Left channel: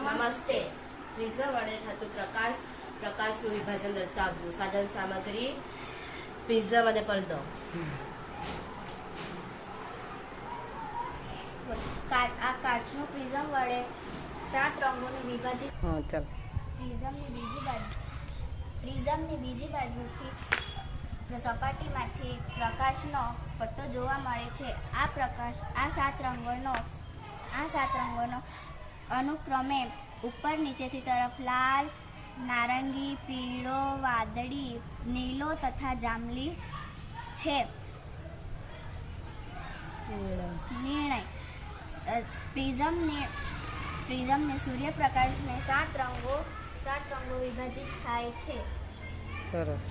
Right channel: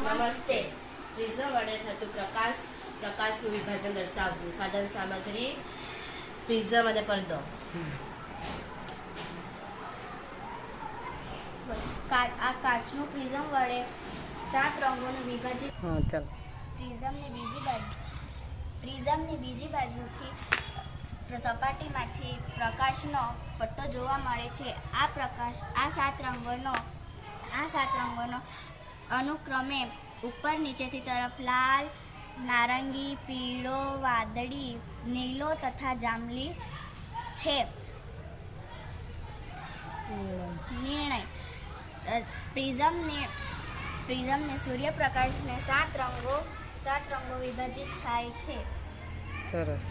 નમસ્તે. પ્રિઝમ વડે થતું પ્રકાશનું વિભાજન દર્શાવવું. સાધન સામગ્રી પ્રિઝમ અને પડદો. આ કાચનું પ્રિઝમ વડે 7 રંગોનું વિભાજિત. પ્રિઝમની બીજી બાજુથી સપાટીમાંથી પ્રકાશનો પટ્ટો જોવા મળે છે. આ સાત રંગોનો અનુક્રમે ઉપર નીચેથી તરફ લાલ, નારંગી, પીળો, વાદળી, નીલો તથા જાંબલી છે. નિર્ણય. પ્રિઝમને સૂર્યપ્રકાશને 7 રંગો વિભાજિત થાય છે. સરસ.